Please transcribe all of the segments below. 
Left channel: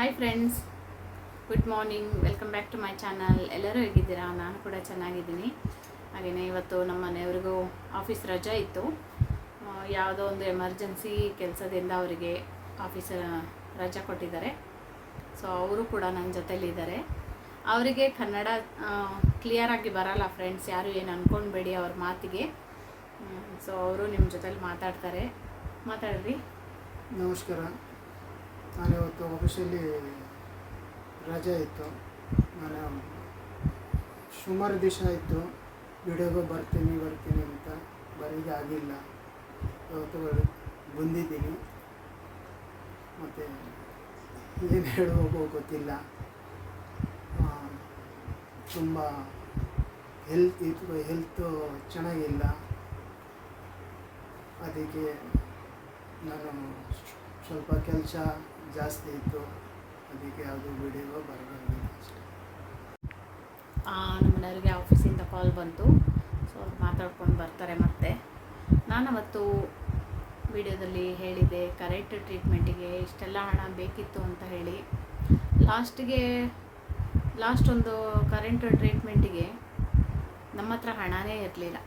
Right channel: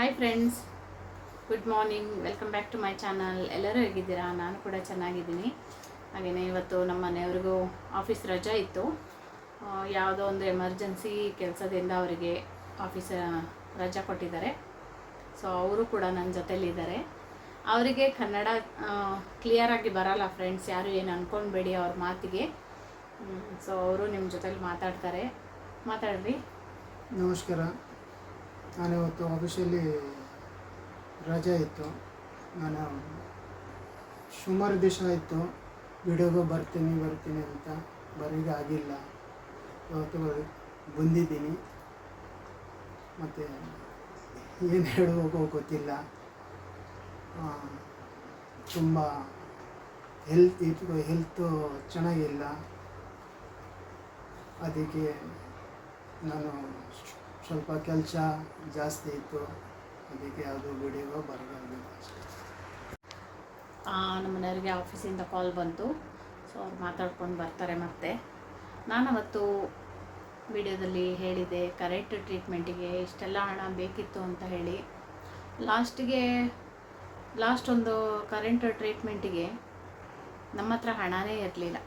Hi friends good morning welcome back to my channel ಎಲ್ಲರೂ ಹೇಗಿದ್ದೀರಾ? ನಾನು ಕೂಡ ಚೆನ್ನಾಗಿದ್ದೀನಿ. ಹಾಗೆಯೇ ಇವತ್ತು ನಮ್ಮ ಮನೆಯವ್ರಿಗೂ ಆಫೀಸ್ ರಜಾ ಇತ್ತು. ಯಾವುದೋ ಒಂದು ಎಮರ್ಜೆನ್ಸಿ ಕೆಲಸದಿಂದ ಅವರಿಗೆ ಆಫೀಸ್ ರಜಾ ಕೊಟ್ಟಿದ್ದಾರೆ. ಸೊ ಅವರು ಕೂಡ ನನ್ನ ಜೊತೆಲಿದ್ದಾರೆ. ಅವರಿಗೆ ಕನ್ನಡ ಕ್ಲಿಯರಾಗಿ ಬರಲ್ಲ ಫ್ರೆಂಡ್ಸ್ ಯಾರು ಏನು ಅಂದ್ಕೊಂಡ್ಬೇಡಿ ಅವ್ರ ಮಾತಿಗೆ. ಸೊ ಅವರು ನಿಮ್ಮ ಜೊತೆಲಿ ಮಾತಾಡ್ತಾರೆ. ಮಾತಾಡ್ರಿ. ನಮಸ್ಕಾರ. ನಾನಿವತ್ತು ಆಫೀಸಲ್ಲಿ ರಜೆ ಇತ್ತು. ನಾನು ಸುಮಾರು ದಿವಸ ಆಯಿತು. ವಿಡಿಯೋಗೆ ಬರ್ತೀನಿ ಬರ್ತೀನಿ ಅಂತ ಬರೀಗೆ ಆಗಿಲ್ಲ. ಇವತ್ತು ಬಂದಿದ್ದೀನಿ. ಮತ್ತು ಏನು ಹೇಳುವಾಗೋ ಗೊತ್ತಿಲ್ಲ. ತುಂಬ ಹೆಲ್ತ್ ಇದು ಹೆಲ್ತು ಚೆನ್ನಾಗಿಲ್ಲ. ಅದಕ್ಕೆ ನಾನು ಸ್ವಲ್ಪ ಕೆಲಸ ಜಾಸ್ತಿ ಇತ್ತು. ಅದಕ್ಕೆ ಯಾವುದು ವಿಡಿಯೋ ಬರೋದು ನಮ್ಮ ಮನೆಯವ್ರಿಗೆ ಆಫೀಸಿಂದ ಕಾಲ್ ಬಂತು. ಸೊ ಅವ್ರು ಮಾತಾಡ್ಕೊಂಡು ಬರ್ತಾರೆ ಮತ್ತೆ. ನಾನು ಅವತ್ತು ವಿಡಿಯೋದಲ್ಲಿ ಹೇಳಿದೆ ಕರೆಕ್ಟ್ ಟ್ರೀಟ್ಮೆಂಟಿಗೆ ಇಷ್ಟೆಲ್ಲ ಹಣ ಬೇಕಿತ್ತು ಅಂತ ಹೇಳಿ. ಲಾಸ್ಟಿಗೆ ಲಾಸ್ಟ್ ಒಂದು ಕರೆಂಟ್ ಟ್ರೀಟ್ಮೆಂಟಿಗೆ ನಮ್ಮ ಹತ್ರ ಹಣನೇ ಇರಲಿಲ್ಲ.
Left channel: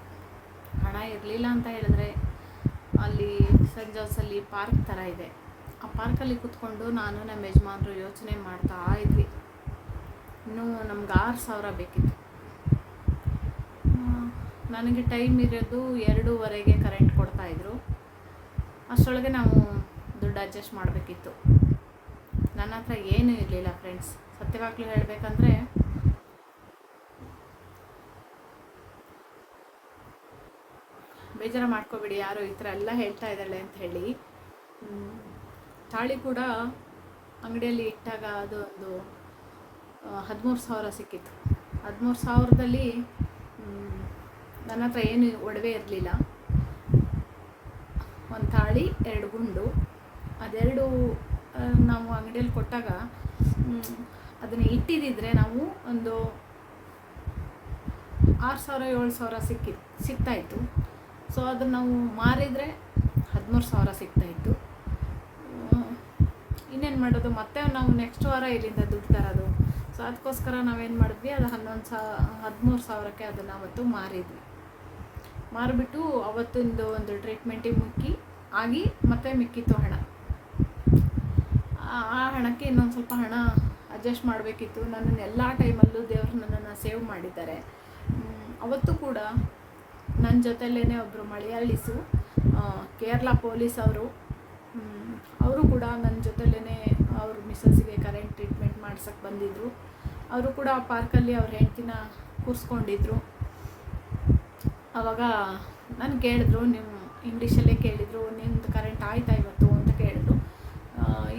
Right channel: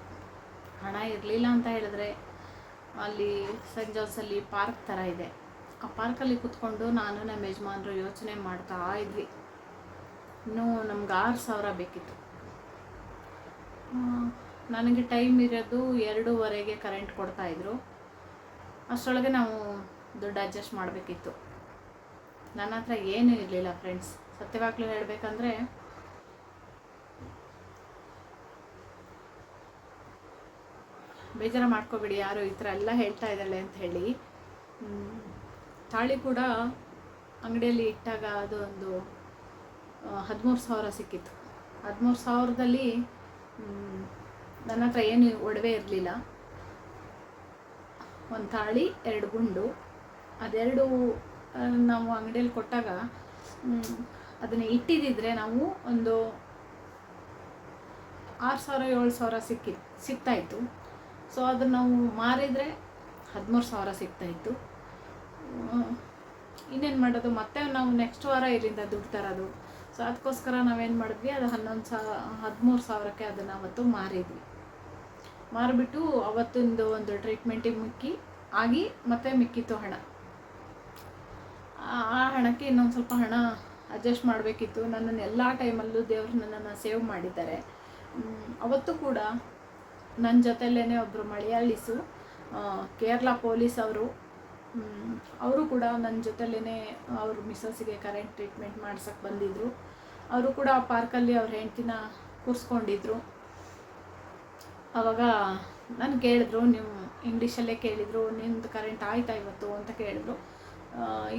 ಹಣ ಇರಲಿಲ್ಲ ಅಂತ ಹೇಳಿದ್ರೆ ಅಲ್ಲಿ ಸೆಂಟ್ ಜೋಸಲ್ಲಿ ಪಾರ್ಕ್ ಥರ ಇದೆ. ಆ ಪಾರ್ಕಲ್ಲಿ ಕೂತ್ಕೊಂಡು ನಾನು ನಮ್ಮ ಯಜಮಾನರು ಯೋಚನೆ ಮಾಡ್ತಾ ಇದ್ವಿ. ಇನ್ನೂ ನಮ್ಗೆ ಆರು ಸಾವಿರ ಬೇಕಿತ್ತು. ನನಗೆ ಟೈಮ್ ಇರೋದು ಎರಡೂವರೆಗೆ ಕರೆಂಟ್ ಕೊಡ್ತಾಯಿದ್ರು ಅಷ್ಟರೊಳಗೆ ನಾವು ದುಡ್ಡು ಅಡ್ಜಸ್ಟ್ ಮಾಡಬೇಕಿತ್ತು. ನನ್ನ ಹತ್ರ ಏನೂ ಇರಲಿಲ್ಲ ಫ್ರೆಂಡ್ಸ್. ಸತ್ಯವಾಗ್ಲೂ ಹೇಳಬೇಕಂದ್ರೆ, ಬೇಜಾರು ಮಾಡ್ಕೋಬೇಡಿ, ಯಾರು ಈ ಥರ ಎಲ್ಲ ಹೇಳ್ತಾ ಇದ್ದಾಳೆ ಅಂತ ಹೇಳಿ. ತಾಳಿ ಕೂಡ ಅಂಗಡಿಯಲ್ಲಿ ಇಟ್ಟಾಗ ಅದು ಒಂದು ಹದಿಮೂರು ಸಾವಿರ ಸಿಕ್ಕಿತ್ತು. ಹದಿಮೂರು ಸಾವಿರದಲ್ಲಿ ನನ್ನ ಹತ್ರ ಏನು ಒಡವೆ ಇರಲಿಲ್ಲ. ಒಂದು ತಾಳಿ, ಎರಡು ಗುಂಡು. ಅದೆರಡು ನಾವು ಅಂಗಡಿಯಲ್ಲಿ ಕೊಟ್ಟಾಗ ಅದನ್ನು ಇಟ್ಟಿದ್ದಿದ್ರೆ ನಾವು ಒಂದು ಆರು ಸಾವಿರ, ಏಳು ಸಾವಿರ ಸಿಕ್ಕಿ ಸಿಗ್ತಾಯಿತ್ತು ಸೊ ಅದನ್ನು ನಾವು ಮಾರಿದರೆ ಹದಿಮೂರು ಸಾವಿರ ಸಿಗ್ತಾಯಿತ್ತು ಇನ್ನೇನು ಮಾಡೋದು? ಮತ್ತೆ ನಾವು ನೆಕ್ಸ್ಟ್ ವಾರ ಇಲ್ಲಿಂದ ದುಡ್ಡು ತರೋದು. ಸೊ ಅದಕ್ಕೋಸ್ಕರ ನಾವೇನು ಮಾಡಿದ್ವಿ? ಅದು ಹನ್ನೊಂದು ಸಾವಿರ ಹದಿಮೂರು ಸಾವಿರಕ್ಕೆ ಅದನ್ನು ಅವತ್ತು ಮಾರಿದ್ವಿ. ಮಾರಿಬಿಟ್ಟು ಅವತ್ತೊಂದು ಒಂದು ಟ್ರೀಟ್ಮೆಂಟಿಗೆ ಮುಕ್ಕಿ ಆಗಿ ಮತ್ತೆ ಮಿಕ್ಕಿತ್ತು ಹಣ. ಆ- ಹಣಕ್ಕೆ ಇನ್ನೊಂದು ಸ್ವಲ್ಪ ಹಣ ಅಡ್ಜಸ್ಟ್ ಮಾಡಬೇಕಿತ್ತು. ನನ್ನನ್ನು ಎಲ್ಲ ಟೈಮಲ್ಲೂ ದೇವರು ನನ್ನನ್ನು ಸೇವ್ ಮಾಡಿದ್ದಾರೆ. ಅವತ್ತು ಕೂಡ ನನ್ನ ಜೊತೆಲೇ ಒಬ್ಬರು ಮಳೆಯಾಳಿಸು ಆ, ಕೇರಳ ಪೊಲೀಸ್ ಅವರು ಅವರು ಕೂಡ ನನ್ನ ಜೊತೆಲೇ ಅವ್ರ ಮಿಸ್ಸಸ್ಸಿಗೆ ಕರೆಂಟ್ ಟ್ರೀಟ್ಮೆಂಟ್ ಮಾಡ್ಸಕ್ಕೆ ಬಂದಿದ್ದರು ಅವರು ಕೂಡ ಆ ಪಾರ್ಕಲ್ಲಿ ಅವ್ರ ಹೆಂಡ್ತಿನ ಕೂರಿಸ್ಕೊಂಡಿದ್ರು. ಆವಾಗ ನಾನು ಕೇಳಿದ್ರು ನಿಮ್ಮ ಇಂಗ್ಲೀಷಲ್ಲೇ ಕೇಳಿದರು ನಿಮ್ಮದು ಕರೆಂಟ್ ಆಯ್ತಾ ಇವತ್ತು ಅಂತ ಕೇಳಿದ್ರು.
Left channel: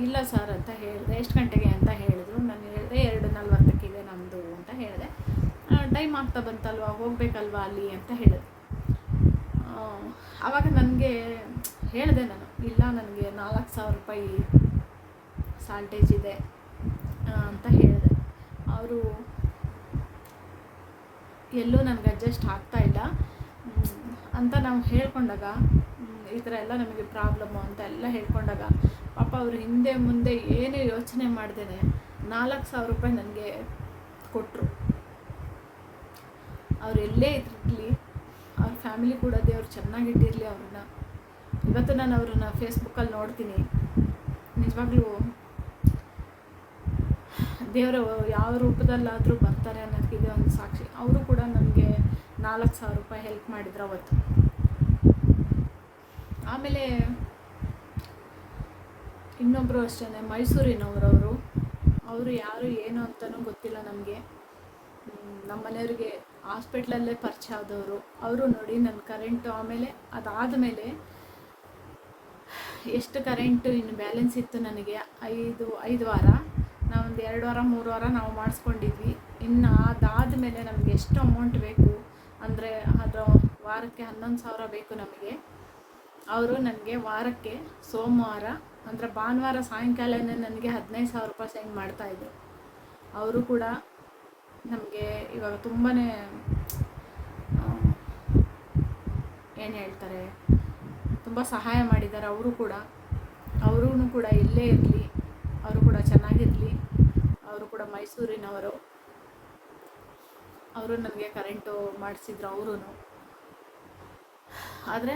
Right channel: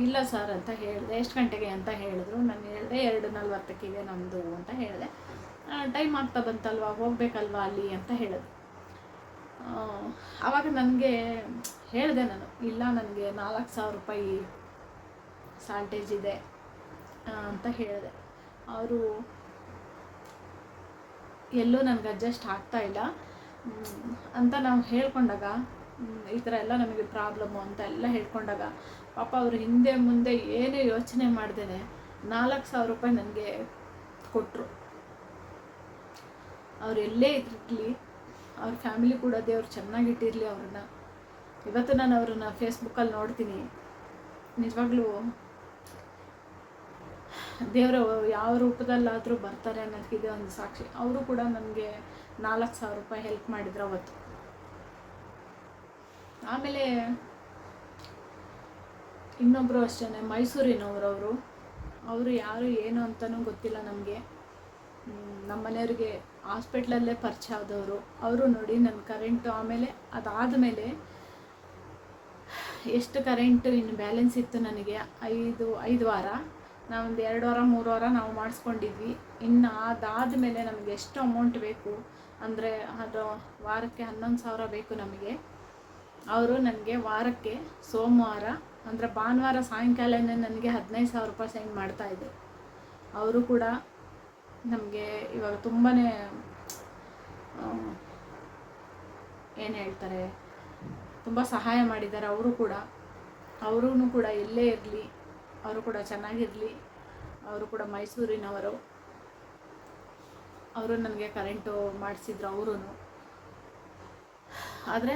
ಇಲ್ಲ ಸರ್ ಅಂತ ಹೇಳಿದೆ, ಎಷ್ಟು ಗಂಟೆಗೆ ಅಂತ ಹೇಳಿದ್ರು. ನಾನು ಹೇಳಿದೆ, ಎರಡು ನಲ್ವತ್ತಕ್ಕಿದೆ ನಮ್ಮದು ಅಂತ ಹೇಳಿದೆ. ಟೈಮ್ ಆಗ್ತಾ ಬಂತಲ್ವಾ, ಹೋಗಬೇಕಲ್ವಾ ಅಲ್ಲಿ ಅಂತ ಹೇಳಿದೆ ಅವಾಗ ಆವಾಗ ನನಗೆ ಹೇಳಿದೆ ನಾನು, ಇಲ್ಲ ನನಗೆ ನಾಲ್ಕು ಸಾವಿರ ರೂಪಾಯಿ ಸಾಲ್ಟೇಜ್ ಇದೆ ಅಂತ ಹೇಳಿದೆ. ಅವರು ಎಲ್ಲೂ ನನಗೆ ಅಡ್ಜಸ್ಟ್ ಆಗ್ತಾ ಇಲ್ಲ. ಅಂತ ನಾವು ಹೇಳ್ಕೊಂಡಾಗ ಈ ಥರ ಎಲ್ಲ ನಮಗೆ ಪ್ರಾಬ್ಲಮ್ಮು ಅಂತ ಎಲ್ಲ ಹೇಳ್ಕೊಂಡಾಗ, ಪಾಪ ಅವರು ಹಿಂದೆ ಮುಂದೆ ಏನೇ ಯೋಚನೆ ಮಾಡ್ದೇನೆ, ನಾಲ್ಕು ಸಾವಿರ ರೂಪಾಯಿ ನನಗೆ ಕೊಟ್ಟರು ಅವ್ರು ಎಲ್ಲೇ ಇರಲಿ, ಅವ್ರ ಫ್ಯಾಮಿಲಿ ಕೂಡ ದೇವ್ರು ಚೆನ್ನಾಗಿಟ್ಟಿರಲಿ ಅವ್ರನ್ನ. ಇವತ್ತು ನಾನು ಅವ್ರನ್ನ ಫೇಸ್ಬುಕ್ಕಲ್ಲಿ ನೋಡ್ತೀನಿ. ನಿಜವಾಗ್ಲೂ ದೇವರು ಯಾವ ರೂಪದಲ್ಲಾದರೂ ಬರ್ತಾರೆ ಅನ್ನೋದಕ್ಕಿದೆ ಒಂದು ಸಾಕ್ಷಿ. ಅವರು ಕೂಡ ನನಗೆ ನಾಲ್ಕು ಸಾವಿರ ರೂಪಾಯಿ ಹೆಲ್ಪ್ ಮಾಡಿದ್ರು ಅವತ್ತು. ಆಮೇಲೆ ಇನ್ನೊಬ್ಬರು ಅಷ್ಟೇ ಮೈಸೂರಿನವರವರು. ಅವರು ಯಾರು ಏನು ಅಂತಲೂ ಗೊತ್ತಿಲ್ಲ ನಮಗೆ. ನಮ್ಮ ಮನೆಯವ್ರಿಗೆ ಹಾಸ್ಪಿಟ್ಲಲ್ಲೇ ಪರಿಚಯ ಆದವರು. ಅವರು ನೋಡಿ ನನ್ನ ಕರೆಂಟು ಆಮೇಲೆ ಅದಾದಮೇಲೆ ಎಷ್ಟು ಕರೆಂಟು ಇನ್ನು ಬ್ಯಾಲೆನ್ಸ್ ಇತ್ತು ನನಗೆ? ಐದು ಐದು ವಾರ. ನಾವೊಂದು ಎರಡು ವಾರ, ಮೂರು ವಾರ ನಾವು ಮಾಡಿಸ್ಕೊಂಡಿದ್ವಿ. ಇನ್ನು ಅದಾದ ಮೇಲೆ ನಮಗೆ ಎಷ್ಟು ಅಮೌಂಟ್ ಬೇಕು? ಅಂದರೆ ಅದು ವಾರಕ್ಕೆ ಹನ್ನೊಂದು ಸಾವಿರ ಬೇಕು ನಮಗೆ. ಅವರು ನನಗೆ ವಾರಕ್ಕೆ ಸೋಮವಾರ, ಅಂದರೆ ಭಾನುವಾರ ಸಾಯಂಕಾಲನೇ ನನಗೆ ಹದಿನೈದು ಸಾವಿರ ರೂಪಾಯಿ ಸೆಂಡ್ ಮಾಡ್ತಾಯಿದ್ರು ಅವರು ಕೂಡ ನಮಗೆ ಇವಾಗ ತುಂಬಾ ಏನು ಹೇಳ್ತಾರೆ? ತುಂಬ ಸಹಾಯ ಮಾಡಿದ್ದಾರೆ. ಅವರು ಕೂಡ. ಅವರೂ ಕೂಡ ಎಲ್ಲೇ ಇರಲಿ. ಅವರು ಕೂಡ ಚೆನ್ನಾಗಿ ಚೆನ್ನಾಗಿರಲಿ. ಅವರು ಕೂಡ ಮೈಸೂರಿನವರು. ಅವರು ನನಗೆ ಕರೆಂಟು ಮಾಡಿಸಿದ್ರು ಅವರು ಆದರೆ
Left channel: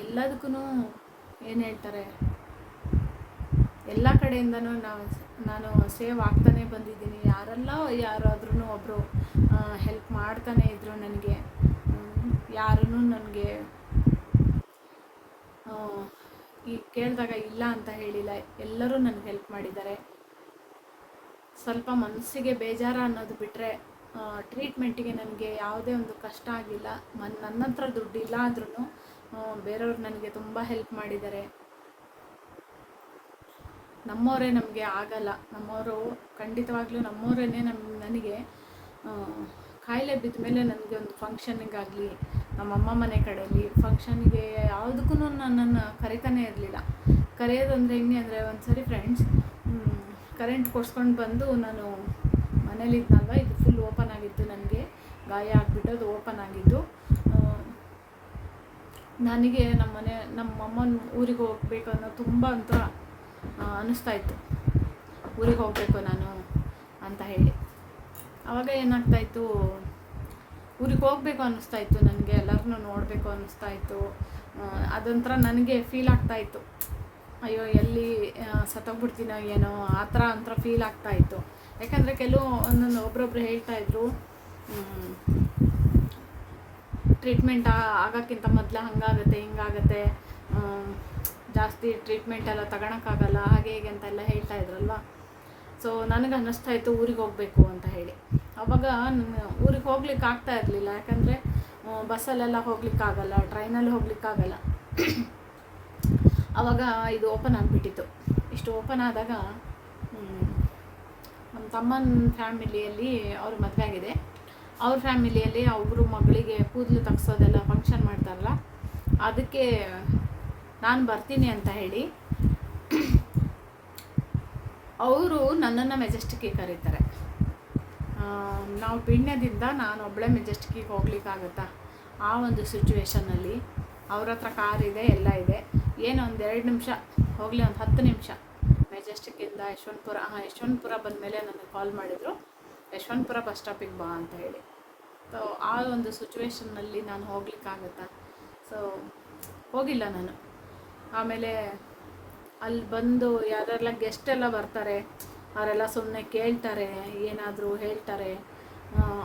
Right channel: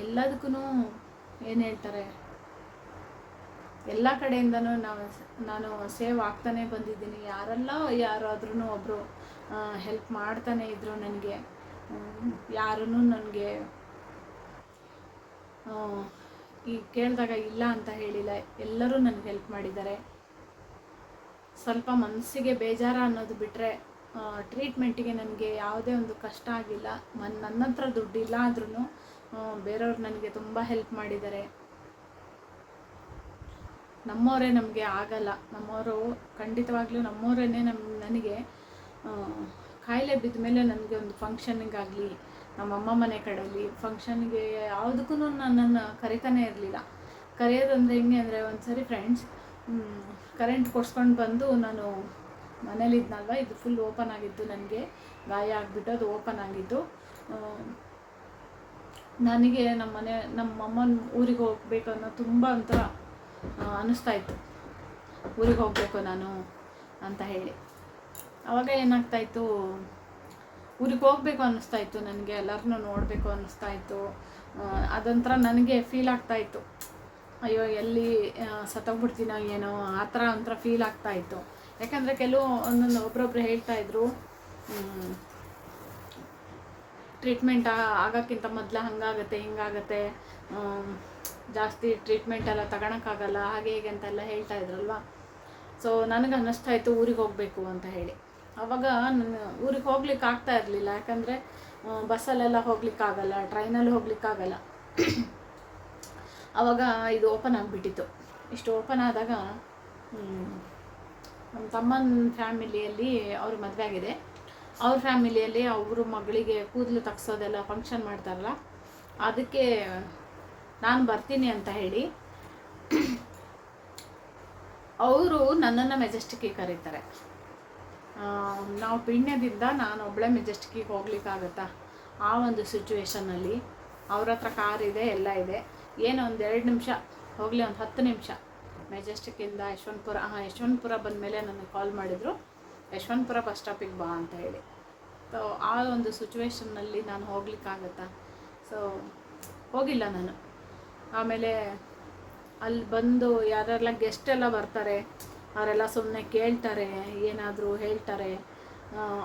ಎಲ್ಲದಕ್ಕೂ ಏನು ಹೇಳ್ತಾರೆ? ಎಲ್ಲ ಕಡೆಯಿಂದನೂ ನಾವು ನಾನು ಸೇವ್ ಆಗ್ತಾನೆ ಬಂದಿದ್ದೀನಿ. ಯಾರೆಲ್ಲ ಯಾರಾದ್ರೂ ಒಬ್ಬರು ಹೆಲ್ಪ್ ಮಾಡ್ತಾನೆ ಇದ್ದರು ನನಗೆ. ಯಾರೂ ನನಗೆ ಈ ಕೇಳಿದಾಗ ಇಲ್ಲ ಅಂತ ಹೇಳಿಲ್ಲ. ಎಲ್ಲರೂ ನನಗೆ ಹೆಲ್ಪ್ ಮಾಡಿದ್ದಾರೆ. ಸ್ವಲ್ಪ ಮನಸ್ಸಿಗೆ ಬೇಜಾರ ಅನ್ನೋದು ಬಿಟ್ಟರೆ ಟ್ರೀಟ್ಮೆಂಟಿಗೆ ನನಗೆ ಯಾವುದೇ ಒಂದು ಕಷ್ಟ ಆಗಿಲ್ಲ. ಮನ್, ನನ್ನ ಹತ್ರ ದುಡ್ಡಿಲ್ಲ ಆದ್ರೂ ಬೇರೆಯವ್ರು ನನಗೆ ತುಂಬ ಹೆಲ್ಪ್ ಮಾಡಿದ್ದಾರೆ. ನಮ್ಮವರೇ ನಮಗೆ ಆಗಲ್ಲ. ನಮ್ಮವರು ಖಂಡಿತವಾಗ್ಲೂ ನಮ್ಮವರೇ ನಮ್ಮ ನನಗೆ ಕಾಯಿಲೆ ಬಿದ್ದ ಮೇಲೆ ನನಗೆ ಒಂದು ಫಂಕ್ಷನಿಗಾಗಲಿ ನಮ್ಮಮ್ಮ ಮನೆ ಕಡೆಯಲ್ಲಿ ಫಂಕ್ಷನ್ಗೆ ಯಾವುದಕ್ಕೂ ನನ್ನನ್ನು ಕರಿತಾನೇ ಇರಲಿಲ್ಲ. ಕರೆಯೋದಂದರೆ ಹೆಂಗೆ ಅಂದರೆ ಒಂದು ಸರಿ ಫ್ರೆಂಡ್ಸ್ ಕರೆಂಟ್ ಕೊಡ್ಸ್ಕೊಂಡು ಬಂದು ನಾನು ಮನೇಲಿದ್ನಲ್ವ, ಇದು ಫುಲ್ ಓಪನ್ ಆಗಿತ್ತು ನನಗೆ, ಗಾಯ ಆಗಿಬಿಟ್ಟು ಅದು ಓಪನ್ ಆಗಿದ್ದು. ನನಗೆ ನಮ್ಮ ಮನೆ, ನಮ್ಮ ಅಮ್ಮನ ಊರಿಗೆ ಹೋಗ್ಬೇಕು ಅನ್ನೋ ತುಂಬ ಅಂತ ಅನ್ನಿಸ್ತಾ ಇತ್ತು. ಊರಿಗೆ ಹೋಗಬೇಕು ನಾನು ಅಂತ ಹೇಳಿ. ಆವಾಗ ಏನಾಗ್ತಾಯಿತ್ತು? ಊರಿಗೆ ಹೋಗಬೇಕು ಅನ್ನಿಸ್ತಾ ಇತ್ತು ನನಗೆ, ಎಲ್ಲರನ್ನೂ ನೋಡಬೇಕು ಅನ್ನಿಸ್ತಾ ಇತ್ತು ಅದೊಂಥರ ನನಗೆ ಫೀಲ್ ಆಗ್ತಾ ಇತ್ತು ಅಯ್ಯೋ, ಎಲ್ಲಿ ಸತ್ತೋಗ್ಬಿಡ್ತೀನೋ ಏನೋ, ಆ ಥರ ಒಂಥರ ಫೀಲ್ ಆಗ್ತಾ ಇತ್ತು ಯಾಕಂದರೆ ಕೆಲವು, ಒಂದೊಂದು ಒಬ್ರೊಬ್ರು ಹೇಳ್ತಾ ಇದ್ರು ಟ್ರೀಟ್ಮೆಂಟ್ ಆಗೋಕ್ಕಿಂತ ಮೊದಲು ಹಂಗಾಗತ್ತೆ, ಹಿಂಗಾಗತ್ತೆ. ಜಾಸ್ತಿ ಟ್ರೀಟ್ಮೆಂಟ್ ಎಲ್ಲ ತಗೊಳಕ್ಕಾಗಲ್ಲ, ಹಾಗೆ ಹೀಗೆ ಅಂತೆಲ್ಲ ಹೇಳ್ತಾ ಇದ್ರಲ್ವ ಸೊ ನನಗೆ ಅನ್ನಿಸ್ತಾ ಇತ್ತು ಊರಿಗೆ ಹೋಗಬೇಕು ಅಂತ ಹೇಳಿ. ಅವಾಗ ನಾನು ಊರಿಗೆ ಹೋಗ್ಲಿಕ್ಕೆ ಆಗ್ತಾ ಇರಲಿಲ್ಲ. ಯಾಕಂದರೆ ಬಸ್ಸಲ್ಲೆಲ್ಲ ಹೋಗ್ಲಿಕ್ಕಾಗಲ್ಲ ಟ್ರೈನಲ್ಲಿ ಹೋಗ್ಲಿಕ್ಕಾಗಲ್ಲ ಅವಾಗ ಇದು ಓಪನ್ ಆಗಿಬಿಟ್ಟಿತ್ತು. ಇಷ್ಟು ಓಪನ್ ಆದಾಗ ನಮ್ಮ ತಮ್ಮನ ಫ್ಯಾಮಿಲಿಯಲ್ಲಿ ಅವ್ರ ಮದುವೆ ಆಗಿದೆ. ಅವ್ರ ಫ್ಯಾಮಿಲಿಯಲ್ಲಿ ಅವರು ಮಗಳಿಗೆ ಕೂದಲು ತಗ್ಸೋದೆಲ್ಲ ಫಂಕ್ಷನ್ ಮಾಡ್ತಾರಲ್ಲ, ಅದಕ್ಕೆ ನಾನು ಬರ್ತೀನಿ ಅಂತ ಹೇಳಿ ಅವರು ನನ್ನನ್ನು ಮೆಜೆಸ್ಟಿಕ್ಕಿಗೆ ಕರೀತಾರೆ. ನಾವು ಪಿಣ್ಯದಿಂದ ನಾನು ಒಬ್ಬಳೇ ಮೆಜೆಸ್ಟಿಕ್ಕಿಗೆ ಹೋಗ್ಲಿಕ್ಕಾಗತ್ತಾ? ಆ ಒಂದು ಸಿಚುವೇಶನಲ್ಲಿ ಅವ್ರ ಹತ್ರ ಕಾರ್ ಇದೆ, ಎಲ್ಲ ಇದೆ. ಏನೋ ಒಂದು ಎರಡು ನಿಮಿಷ, ಹೋಗಲಿ ಒಂದು ಹತ್ತು ನಿಮಿಷ. ಮೆಜೆಸ್ಟಿಕ್ಕಿಂದ ಯಶವಂತಪುರ ಹಾಂ ಯಶವಂತಪುರ ಬಂದಮೇಲೆ ನನಗೆ ಕಾಲ್ ಮಾಡಿದರು. ಯಶವಂತಪುರ ಬಸ್ ಸ್ಟಾಪಿಗೆ ಬಾ ಅಂತ ಹೇಳಿ. ಸೊ ಆ ಒಂದು ಸಿಚುವೇಶನ್ನಲ್ಲಿ ನಾನು ಹೋಗ್ಲಿಕ್ಕಾಗತ್ತಾ? ಸೊ ಹೋಗಿಲ್ಲ ನಾನು. ಆಮೇಲೆ ಅಲ್ಲಿ ಬಂದು ಯಾರೆಲ್ಲ ಗೆಸ್ಟ್ ಎಲ್ಲ ಬರ್ತಾರೆ, ಅವರೆಲ್ಲ ಸುಮ್ಮನೆ ಕೇಳ್ತಾರೆ, ಏನಾದರೂ ಹೇಳ್ತಾರೆ.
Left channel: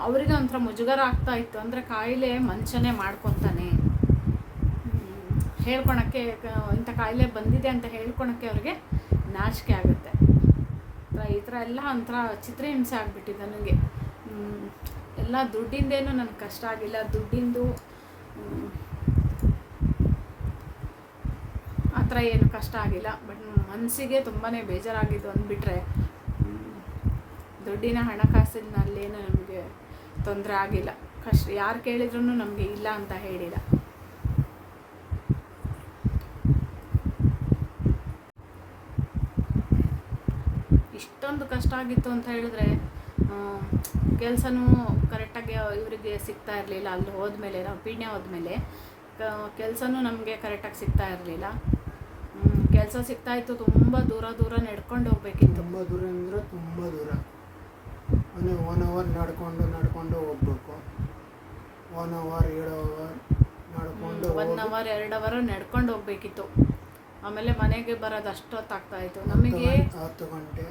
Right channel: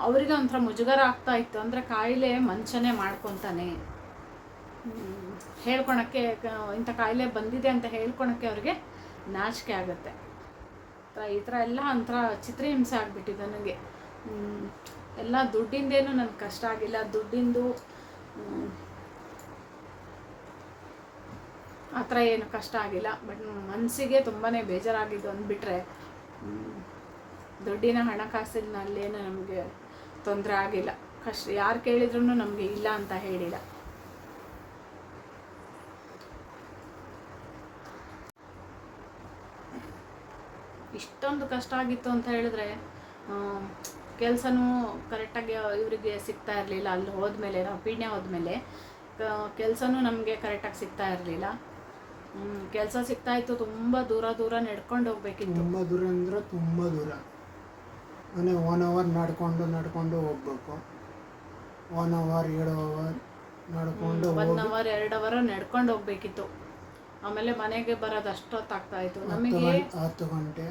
ಅವರಿಗೆ ಒಂಥರ ಮುಜುಗರ ಆಗ್ತಾ ಇತ್ತು. ಅಂದರೆ ಕಾಯಿಲೆ ಮನುಷ್ಯನೇ ಮಾಡ್ಕೊತಾನೆ. ಹೇಳ್ಕೊಳಕ್ಕೆ ಇಂಥ ಕಾಯಿಲೆ ಬಂದಿದೆ ಅಂತ ಹೇಳ್ಕೊಳಕ್ಕೆ ಅವ್ರಿಗೆ ನಾಚಿಕೆ ಆಗುತ್ತೆ. ಈ ಥರ ಎಲ್ಲ ಒಂಥರ ಚಿತ್ರಹಿಂಸೆ ಆಗಿಬಿಟ್ಟಿದೆ ನನಗೆ. ಎಲ್ಲ ದುಡ್ಡಿಂದೇನು ನನಗೆ ಕಷ್ಟ ಆಗಿಲ್ಲ. ದುಡ್ಡಿಂದು ಹ್ಮ್, ಆ ಥರ ಏನು ಕಷ್ಟ ಆಗಿಲ್ಲ ಬಟ್ ಮನಸ್ಸಿಗೆ ತುಂಬಾ ಬೇಜಾರಾಗಿದ್ದು ಅಂದ್ಬಿಟ್ರೆ ದುಡ್ಡಿನ ಹಣಕಾಸಿನಲ್ಲೇನು ನಮಗೆ ತೊಂದರೆ ಆಗಿಲ್ಲ. ಕಷ್ಟ ಯಾರು ಕೇಳಿದ್ರು ನಮಗೆ ಇಲ್ಲ ಅಂತ ಹೇಳಿಲ್ಲ. ಇಷ್ಟೊಂದು ಕಷ್ಟ ಆಗಿತ್ತು ಅಂತ ಹೇಳಿದ್ರೆ ಕೆಲಸನೂ ಕರೆಕ್ಟಾಗಿ ಇವರಿಗೆ ಸಿಗ್ತಾ ಇರಲಿಲ್ಲ. ಅಲ್ಲಿ ಹೋದ್ಮೇಲೆ ನಾವು ಪೀಣ್ಯ ಹೋದ್ಮೇಲೆ ಕೆಲಸನೂ ನಮಗೆ ಕರೆಕ್ಟಾಗಿ ಸಿಗ್ತಾ ಇರಲಿಲ್ಲ. ಕೆಲಸ ಸಿಗ್ತಾ ಇತ್ತು ತುಂಬ ದೂರ ದೂರ ನಡ್ಕೊಂಡು ಹೋಗ್ಬೇಕಿತ್ತು. ತುಂಬ ದೂರ ಅಂದ್ರೆ ತುಂಬ ದೂರ. ಮನೆ ಒನ್ ಅವರ್ ನಡ್ಕೊಂಡು ನಡ್ಕೊಂಡು ಹೋಗ್ಬೇಕು. ಒನ್ ಅವರ್ ಏಳು ಅವರ್ ನಡ್ಕೊಂಡು ಒನ್ ಅವರ್ ಎರಡು ಅವರ್ ನಡ್ಕೊಂಡು ಹೋಗ್ಬೇಕಿತ್ತು. ಆಮೇಲೆ ಮನೆಗೆ ಬರೋದು ಅಷ್ಟೊತ್ತಾಗ್ತಾ ಇತ್ತು. ನಮಗೆ ಹತ್ತು ಗಂಟೆ.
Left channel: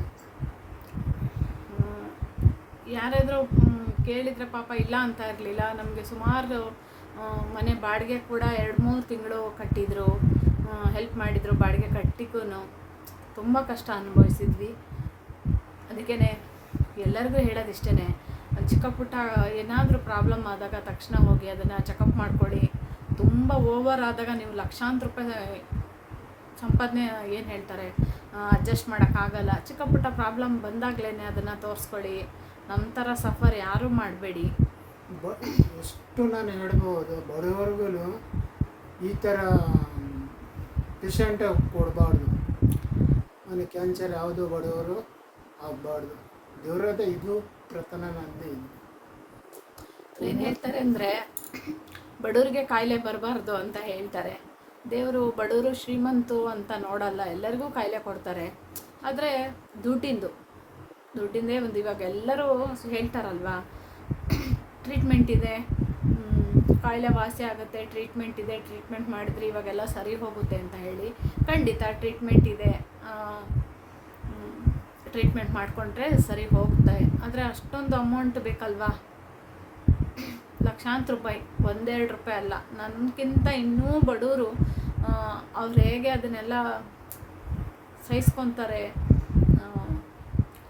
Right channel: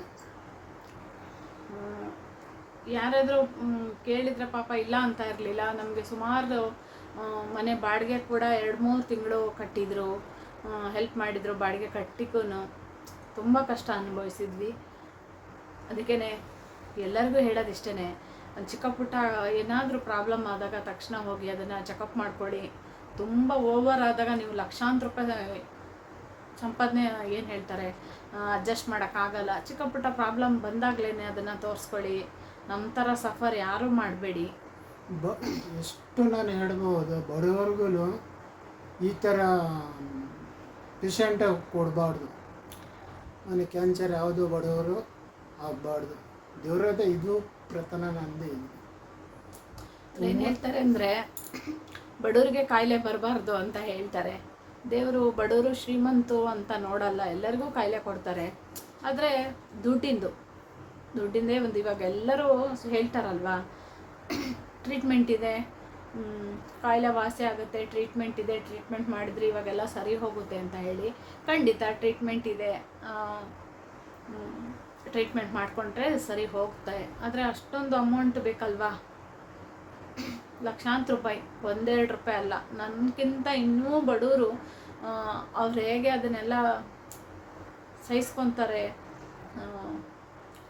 ಯಾರಾದರೂ ಕೇಳಿದರೆ ಕೇಳಿದ್ರೆ ಪಾಪ ಇಲ್ಲ ಅಂತ ಇರಲಿಲ್ಲ. ನಮಗೆ ಸುಮಾರು ಮನೆ ಬಾಡಿಗೆ ಕೂಡ ಎರಡು ಮೂರು ತಿಂಗಳು ಕಟ್ಟಿದ್ರು. ಹೆಲ್ಪ್ ಮಾಡಿದರು, ಬಾಡಿಗೆ ಕಟ್ಟಿಗೂ ತುಂಬ ಕಷ್ಟ ಅನುಭವಿಸಿದ್ವಿ. ಅದಕ್ಕೇ ಎಲ್ಲರಿಗೂ ಹೇಳೋದಿಷ್ಟೇ ಚಿಕ್ಕ ಪುಟ್ಟ ಏನಾದರೂ ಪ್ರಾಬ್ಲಮ್ ಆದಾಗ ತಕ್ಷಣ ಹೋಗಿ ಅದನ್ನು ಚೆಕಪ್ ಮಾಡ್ಕೊಳ್ಳಿ. ತುಂಬ ಓವರ್ ಆದಾಗ ನೀವು ಲಕ್ಷಾಂತರ ರೂಪಾಯಿ ಸಂಪಾದನೆ ಏನು ಹೇಳ್ತಾರೆ? ಅಡ್ಜಸ್ಟ್ ಮಾಡೋಕ್ಕಾಗಲ್ಲ. ಚಿಕ್ಕ ಪುಟ್ಟ ಪ್ರಾಬ್ಲಮ್ ಬಂದಾಗಲೇ ಅದನ್ನು ತೋರಿಸ್ಕೊಳ್ಳಿ. ನಮ್ಮ ಥರ ಸಫರ್ ಯಾರೂ ಮಾಡಬೇಡಿ. ಬ, ಎಷ್ಟು ನಾನು ಹೇಳ್ಬೋದು. ಬಡವರ್ಗೂ ಈ ಥರ ಪೇಷಂಟ್ ಕೊಡಬಾರ್ದು. ಮನೆ ಕ್ಯಾನ್ಸರ್ ಯಾವುದು ಬಡವರು ಆಗಬಾರ್ದು. ದೇವ್ರದ ಇದು ಪ್ರತನ ನಂದಿ. ಏನು ಹೇಳ್ತಾರೆ ಅಂದರೆ, ಬಡವ್ರಿಗೆ ಕಾಯಿಲೆ ಬರಬಾರ್ದು ಅಂತ ಹೇಳ್ತಾರೆ. ದೇವರು ಬಡವರು ಶ್ರೀಮಂತು ಅಂತ ನೋಡಲ್ಲ, ಎಲ್ಲರಿಗೂ ಕಾಯಿಲೆ ಕೊಡ್ತಾರೆ. ಆದರೆ ದುಡ್ಡಿಂದು, ದುಡ್ಡಿಂದೇ ಒಂದು ಇವಾಗ ಎಲ್ಲರೂ ಹೇಳ್ತಾರಲ್ವಾ ಟ್ರೀಟ್ಮೆಂಟ್ ಇದೆ ಕಾಯಿಲೆ ವಾಸಿ ಆಗುತ್ತೆ ಟ್ರೀಟ್ಮೆಂಟ್ ಇದೆ ಟ್ರೀಟ್ಮೆಂಟ್ ಮಾಡಿದ್ರೆ ಇವಾಗೆಲ್ಲ ಸರಿ ಹೋಗುತ್ತೆ ಅಂತ ಹೇಳಿ ಖಂಡಿತ ಟ್ರೀಟ್ಮೆಂಟ್ ಇದೆ. ಟ್ರೀಟ್ಮೆಂಟ್ ಮಾಡಿಕೊಂಡ್ರೆ ಸರಿ ಹೋಗುತ್ತೆ. ಆದರೆ ಅಷ್ಟೊಂದು ಅಮೌಂಟ್ ಬೇಕಲ್ವಾ? ಲಕ್ಷಾಂತರ ರೂಪಾಯಿ, ಒಂದೆರಡು ರೂಪಾಯಿ ಅಲ್ಲ. ನನಗಿಂತ ಇನ್ನೂ ಬಡವರು ಅವ್ರು ಹೇಗೆ ಅದನ್ನೆಲ್ಲ ಸಹಿಸ್ಕೊತಾರೆ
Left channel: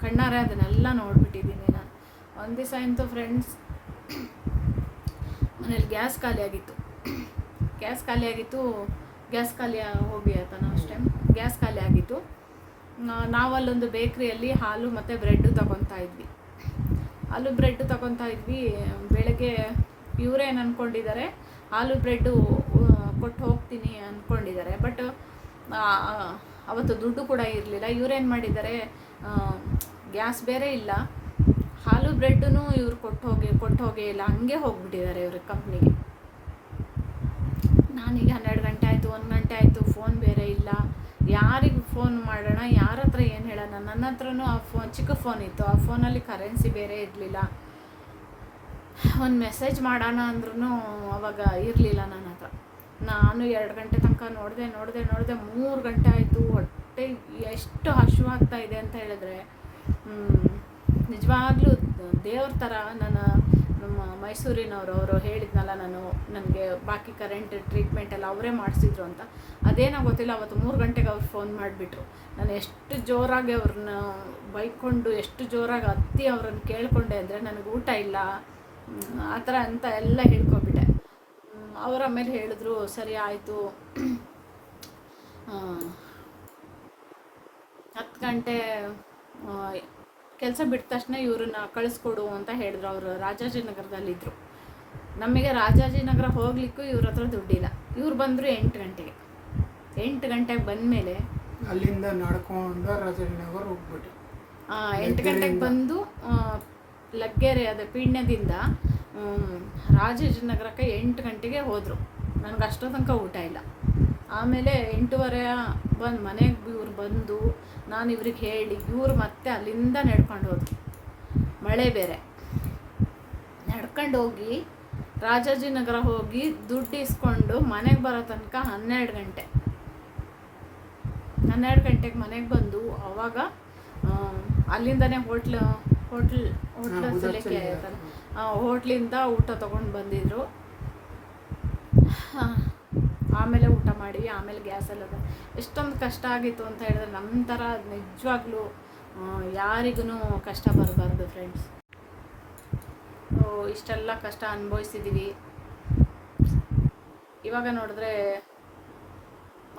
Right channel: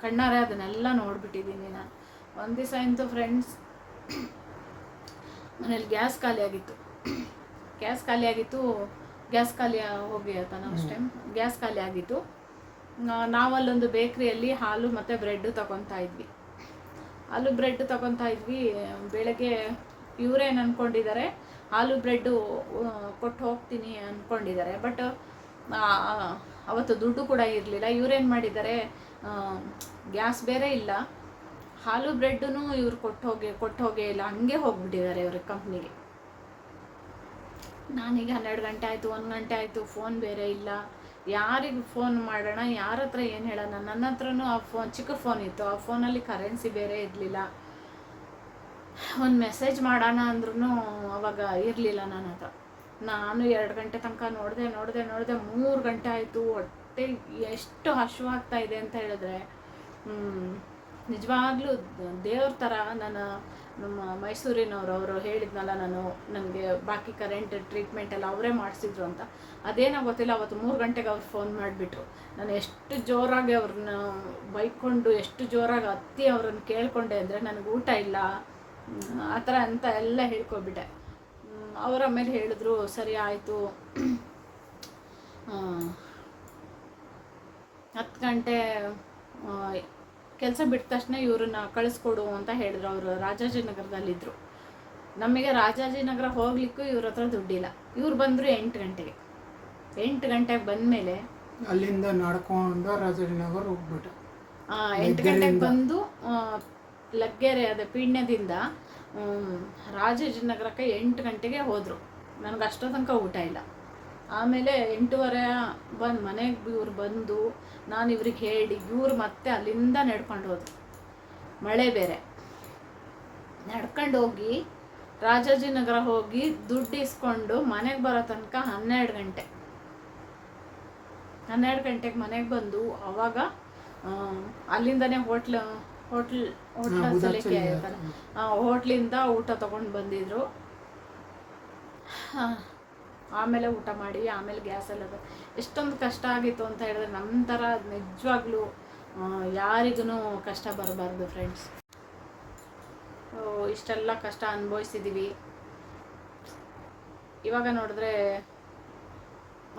ಕಣ್ಣಾರೆ ಅದನ್ನೆಲ್ಲ ನೋಡಿಬಿಟ್ಟಿದ್ದೀನಿ ನಾನು. ಒಂದು ದಿವಸ ಇಂತೂ ಫ್ರೆಂಡ್ಸ್ ಮನೇಲಿ ಗ್ಯಾಸ್ ಖಾಲಿ ಆಗಿತ್ತು ಗ್ಯಾಸ್ ಖಾಲಿ ಆಗಿತ್ತು ಗ್ಯಾಸ್ ಖಾಲಿ ಹೋಗಿ ಆಯ್ತಾ ನಾವು ಟೈಮ್ ಗ್ಯಾಸ್ ಖಾಲಿ ಆಗಿತ್ತು. ನಾವಲ್ಲೊಂದು ಬೇಕ್ರಿಯಲ್ಲಿ ಹಾಲು ಮತ್ತು ಬ್ರೆಡ್ಡು ತಗೊತಾ ಇದ್ವಿ. ಹಾಲು ಬ್ರೆಡ್ ತಗೊತಾ ಇದ್ವಿ. ಬೆಳಗ್ಗೆ ಇವರೇನು ಅಂದ್ಕೊಂಡಿದ್ದಾರೆ ಹಾಲು ಬ್ರೆಡ್ಡು ಕೊಟ್ಟು ಹೋಗ್ತೀನಿ ಅಂದ್ಕೊಂಡಿದ್ದಾರೆ ಬಟ್ ಅವತ್ತು ದುಡ್ಡು ಕೂಡ ಇರಲಿಲ್ಲ. ಇವರೇನು ಮಾಡಿದ್ದಾರೆ ಗ್ಯಾಸ್ ಬೇರೆ ಇಲ್ಲ. ಹಾಲು ಬ್ರೆಡ್ನು ಇವ್ರು ಕೊಟ್ಟು ಹೋಗಿ, ಕೊಟ್ಟು ಹೋಗೇ ಇಲ್ಲ, ಹಂಗೆ ಹೋಗ್ಬಿಟ್ಟಿದ್ದಾರೆ ಇವ್ರ ಕಂಪ್ನಿಗೆ. ನಾನೀಗ ಹನ್ನೆರಡು ಗಂಟೆ ಆಯಿತು, ಒಂದು ಗಂಟೆ ಆಯಿತು, ಫೋನ್ ಬೇರೆ ಇಲ್ಲ. ಯಾರಿಗೆ ಫೋನ್ ಮಾಡೋಣ, ಯಾರ ಹತ್ರ ಏನು ಹೇಳೋಣ? ನನ್ನ ಹತ್ರನೂ ಆ ಫೋನ್, ಚಿಕ್ಕ ಫೋನ್ ಇತ್ತು. ಆ ಫೋನಲ್ಲಿ ಕರೆನ್ಸಿ ಬೇರೆ ಇರಲಿಲ್ಲ. ಒಂದು ಮೆಸೇಜ್ ಮಾಡೋಣ ಅಂದ್ರೂ ಅವಾಗ ಇರಲಿಲ್ಲ ನನ್ನ ಹತ್ರ. ನಾನು ಎರಡು ಗಂಟೆ ತನಕ ನೋಡಿದೆ ನೋಡಿದೆ ನೋಡಿದೆ ಮೂರು ಗಂಟೆ ಆಯಿತು. ಹೊಟ್ಟೆ ಎಷ್ಟು ಹಸಿವಾಗ್ತಾ ಇದೆ ಅಂತ ಹೇಳಿದ್ರೆ ನಿಜವಾಗ್ಲೂ ದೇವ್ರ ಥರ ನಾನು ನಮ್ಮ ಮೈಸೂರಿನವರು, ಅವರು ಹೇಳಿದ್ನಲ್ಲ ನಾನು, ನನಗೆ ಬಾಕಿ ಕರೆಂಟ್ ಟ್ರೀಟ್ಮೆಂಟ್ ಎಲ್ಲ ಅವರೇ ಮಾಡಿಸಿದ್ರು ಅಂತ. ಅದೇನೋ ಗೊತ್ತಿಲ್ಲ, ಅವತ್ತು ಮೂರು ಗಂಟೆಗೆ ಅವ್ರು ಫೋನ್ ಮಾಡಿಬಿಟ್ರು. ನಾನು ಎಷ್ಟು ಜೋರಾಗಿ ಅವ್ರನ್ನ ಬೈಕೊಂಡು, ಎಷ್ಟು ಜೋರಾಗಿ ಹತ್ತಿ ಅವ್ರನ್ನ ಕೇಳ್ಕೊಂಡೆ ಅಂದರೆ ನನಗೆ ಊಟ ಇಲ್ಲ ಆ ಥರ ಅಂತ ಎಲ್ಲ ಹೇಳ್ಕೊಬಿಟ್ಟೆ. ಅವರ ಮೇಲೆ ಹೇಳಿದ್ರು, ಸರಿ ಆಯಿತು. ಹತ್ತು ಗಂಟೆ ಕೆಲಸ ಬಿಟ್ಟ ತಕ್ಷಣ ಇವ್ರನ್ನ ಕಳಿಸ್ಕೊಡು ಅಂತ ಹೇಳಿದ್ರು ಅವರು. ರಾಜಾಜಿನಗರದಲ್ಲಿದ್ದರು ನಮಗೆ ರಾಜಾಜಿನಗರ ಹೋಗ್ಲಿಕ್ಕೂ ಇವ್ರ ಹತ್ರ ದುಡ್ಡಿಲ್ಲ. ಇವ್ರು ಬಂದರು ಎಂಟು ಗಂಟೆಗೆ. ಎಂಟು ಗಂಟೆಗೆ ಬಂದಮೇಲೆ ಅಲ್ಲಿಂದ ನಡ್ಕೊಂಡು ರಾಜಾಜಿನಗರ ಹೋಗ್ಬಿಟ್ಟು ಎಂಟು ಗಂಟೆಗೆ ಬಂದು ಲಗ್ಗೆರೆ ಅದ ಪೀಣ್ಯದಿಂದ ರಾಜಾಜಿನಗರಕ್ಕೆ ಎಂಟು ಗಂಟೆಗೆ ಹೋದರು. ನನಗೆ ಅಷ್ಟೋ ತನಕ ಊಟ ಇಲ್ಲ. ಆಮೇಲೆ ಎಂಟೂವರೆ ಬಂದು ಮನೆಗೆ ಇವ್ರು ಬಂದು ನಾನು ಇವ್ರಿಗೆ ಹೇಳಿ ಇವ್ರು ಮತ್ತೆ ಅಲ್ಲಿಂದ ನಡ್ಕೊಂಡು ಹೋದ್ರು. ಮಳೆ ಬೇರೆ. ನಡ್ಕೊಂಡು ಹೋಗಿ ರಾಜಾಜಿನಗರ ಹೋಗಿ ದುಡ್ಡು ಇಸ್ಕೊಂಡು ಮನೆಗೆ ಬರೋ ತನಕ ಹನ್ನೆರಡು ಗಂಟೆ. ಹನ್ನೆರಡು ಗಂಟೆಗೆ ಮನೆಗೆ ಬಂದು ಅವಾಗ ಅಲ್ಲಿಂದನೇ ಹೋಟ್ಲ್ ಹೋಟ್ಲ್ ಹೋಟ್ಲ ಸಲಿಕೆ ಆ, ಹೋಟ್ಲಿಂದ ಊಟ ತೊಗೊಂಡು ಬಂದಿದ್ರು. ಆಮೇಲೆ ಊಟ ಮಾಡಿ, ಆಮೇಲೆ ಗ್ಯಾಸಲ್ಲಿ ಎಷ್ಟೊಂದು ಕಷ್ಟ ಆಗಿತ್ತು ಅಂತ ಹೇಳಿದ್ರೆ ನಮ್ಮ ಥರ ನಿಜವಾಗ್ಲೂ ಯಾರಿಗೂ ಕಷ್ಟ ಬರಬಾರ್ದು ಫ್ರೆಂಡ್ಸ್ ಇಷ್ಟೆಲ್ಲ ಕಷ್ಟ ಅನುಭವಿಸಿದ್ದೀವಿ ಇವಾಗ ನೋಡಿದ್ರೆ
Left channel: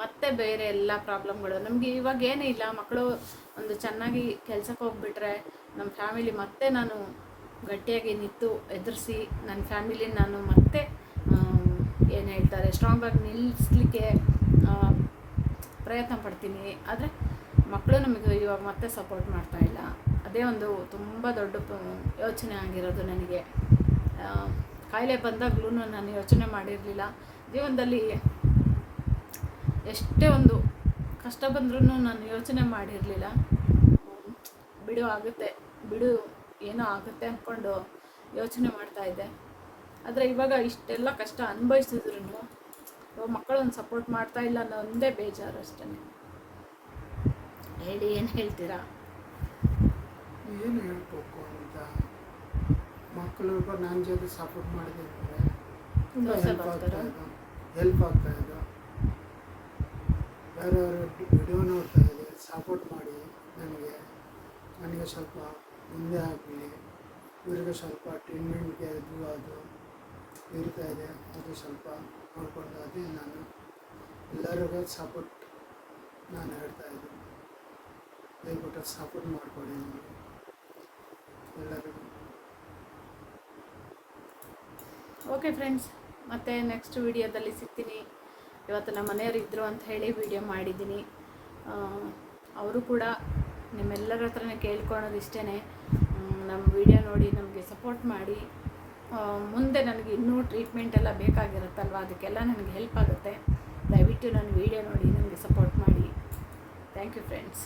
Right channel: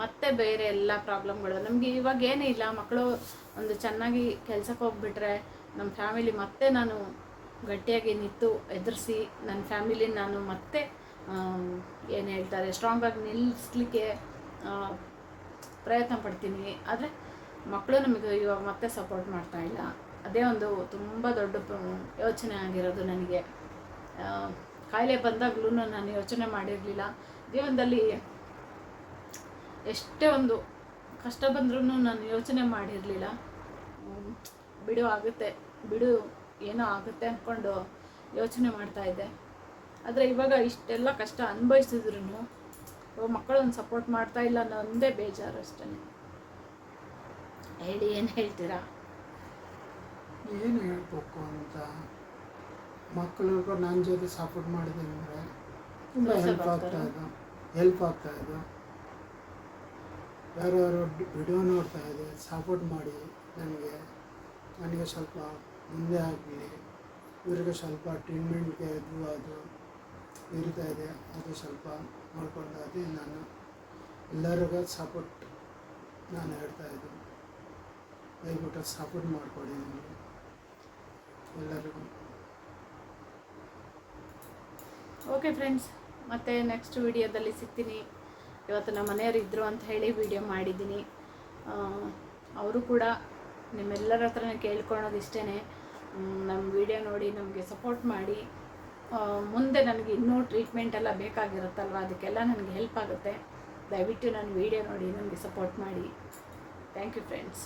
ಮತ್ತೆ ಬೇರೆ ಎಲ್ಲ ಪ್ರಾಬ್ಲಮ್ಗಳು ನಮಗೆ ಇವಾಗ ಏನೂ ಇಲ್ಲ, ಮಕ್ಕಳು ಒಂದು ಚೆನ್ನಾಗಿ ಕೆಲ್ಸಕ್ಕೆ ಹೋಗ್ಬಿಟ್ರೆ ನಮ್ಮ ಫ್ಯಾಮಿಲಿ ಮತ್ತೆ ನಾನು ಗಟ್ಟಿಯಾಗಿ ನಿಂತು ಎದುರಿಸಿ ನನ್ನ ಫ್ಯಾಮಿಲಿ ನಾನು ಮತ್ತೆ ಏನು ಹೇಳ್ತಾರೆ ಸ್ಟ್ರಾಂಗಾಗಿ ನಿಲ್ಲಿಸ್ಲಿಕ್ಕೆ ಪ್ರಯತ್ನ ಪಡ್ತೀನಿ. ಆದರೆ ಮಕ್ಕಳು ನಮಗೆ ಇವಾಗ ಮತ್ತೆ ಸಪೋರ್ಟ್ ಮಾಡ್ತಾ ಇಲ್ಲ. ಅದೇ ಒಂದು ತುಂಬ ದೊಡ್ಡ ಯೋಚನೆ ಆಗಿರೋದು ನನಗೆ. ಕಾಯಿಲೆ ಬಂದಾಗಲೂ ನಾನು ಯೋಚನೆ ಮಾಡಿರಲಿಲ್ಲ. ಜೀವನದಲ್ಲಿ ಎಷ್ಟೇ ಒಂದು ಕಷ್ಟ ಬಂದ್ರೂ ನಾನು ಯೋಚನೆ ಮಾಡಿರಲಿಲ್ಲ. ಬಿಡು, ಆಗುತ್ತೆ. ಬಿಡು, ಏನೋ ಆಗುತ್ತೆ ಅಂದ್ಕೊಂಡು ಯೋಚನೆ ಮಾಡ್ತಾ ಇದ್ದೆ. ಆದರೆ ಇವಾಗ ಇಷ್ಟೆಲ್ಲ ಕಷ್ಟ ಅನುಭವಿಸಿದ್ರು ಇವಾಗ ಮಕ್ಕಳನ್ನು ಸಪೋರ್ಟ್ ಮಾಡ್ತಾ ಇಲ್ಲ ಅನ್ನೋ ಒಂದೇ ಬೇಜಾರು ಅಷ್ಟೇ. ಹೇಳಿ ಏನು ಹೇಳ್ತೀರಾ? ಏನು ಹೇಳ್ಬೇಕು ಅಂತ? ಮಕ್ಕಳಿಗೂ ನನ್ನ ಜೊತೆ ಸಪೋರ್ಟ್ ಮಾಡಿದೆ ಅಂದರೆ ತುಂಬ ಹೆಲ್ಪ್ ಆಗ್ತಾ ಇದು. ಹೆಲ್ಪ್ ಆಗ್ತಾ ಬೇರೆ ಯಾರ್ಯಾರು ವಿಡಿಯೋ ನೋಡ್ತಾ ಇದೆ ಸಪೋರ್ಟ್ ಮಾಡಿ ನನಗೆ. ನನಗೆ ಸ್ವಲ್ಪ ಮುಂದೆ ಆಗಲಿ. ಇವರಿಗೆ ಸ್ವಲ್ಪ ಟ್ರೀಟ್ಮೆಂಟ್ಗೆ ಅದು ಅದು. ಇರ್ತಾ ಇದೆ. ಅದು ಸ್ವಲ್ಪ ನೋಡ್ಕೊಂಡು ಅದೇ ನಾನು ಎಲ್ಲರಿಗೂ ಸಪೋರ್ಟ್ ನಾನು ಹೇಳ್ತಾ ಇದ್ದೀನಿ. ದಯವಿಟ್ಟು ಸಪೋರ್ಟ್ ಮಾಡಿಕೊಡಿ ನನಗೆ. ಎಲ್ಲರಿಗೂ. ಓಕೆ ಫ್ರೆಂಡ್ಸ್ ಮತ್ತೆ ನೆಕ್ಸ್ಟ್ ವಿಡಿಯೋದಲ್ಲಿ ಸಿಗ್ತೀನಿ. ಇವತ್ತು ನಮ್ಮ ಮನೆಯವರು ಇದ್ದರು ಅಂತ ಹೇಳಿ ವಿಡಿಯೋ ಮಾಡಿದ್ದೀನಿ. ಅವರು ಕೂಡ ನಿಮ್ಮೆಲ್ಲರ ಹತ್ರನೇ ಕೇಳ್ಕೊಳೋದು ಇಷ್ಟೇ ನಮ್ಮ ವಿಡಿಯೋ ನೋಡಿ ನಮಗೆ ಸಪೋರ್ಟ್ ಮಾಡಿ. ಮುಂದೆ ನನಗೆ ಇನ್ನೂ ಟ್ರೀಟ್ಮೆಂಟ್ ಎಲ್ಲ ಬೇಕಾಗಿರುತ್ತಲ್ವ? ಅದಕ್ಕೆಲ್ಲ ನನಗೆ ಹೆಲ್ಪ್ ಆಗುತ್ತೆ. ದಯವಿಟ್ಟು ನನ್ನ ವೀಡಿಯೋ ನೋಡಿ ನನಗೆ ಸಪೋರ್ಟ್ ಮಾಡಿ. Thank you friends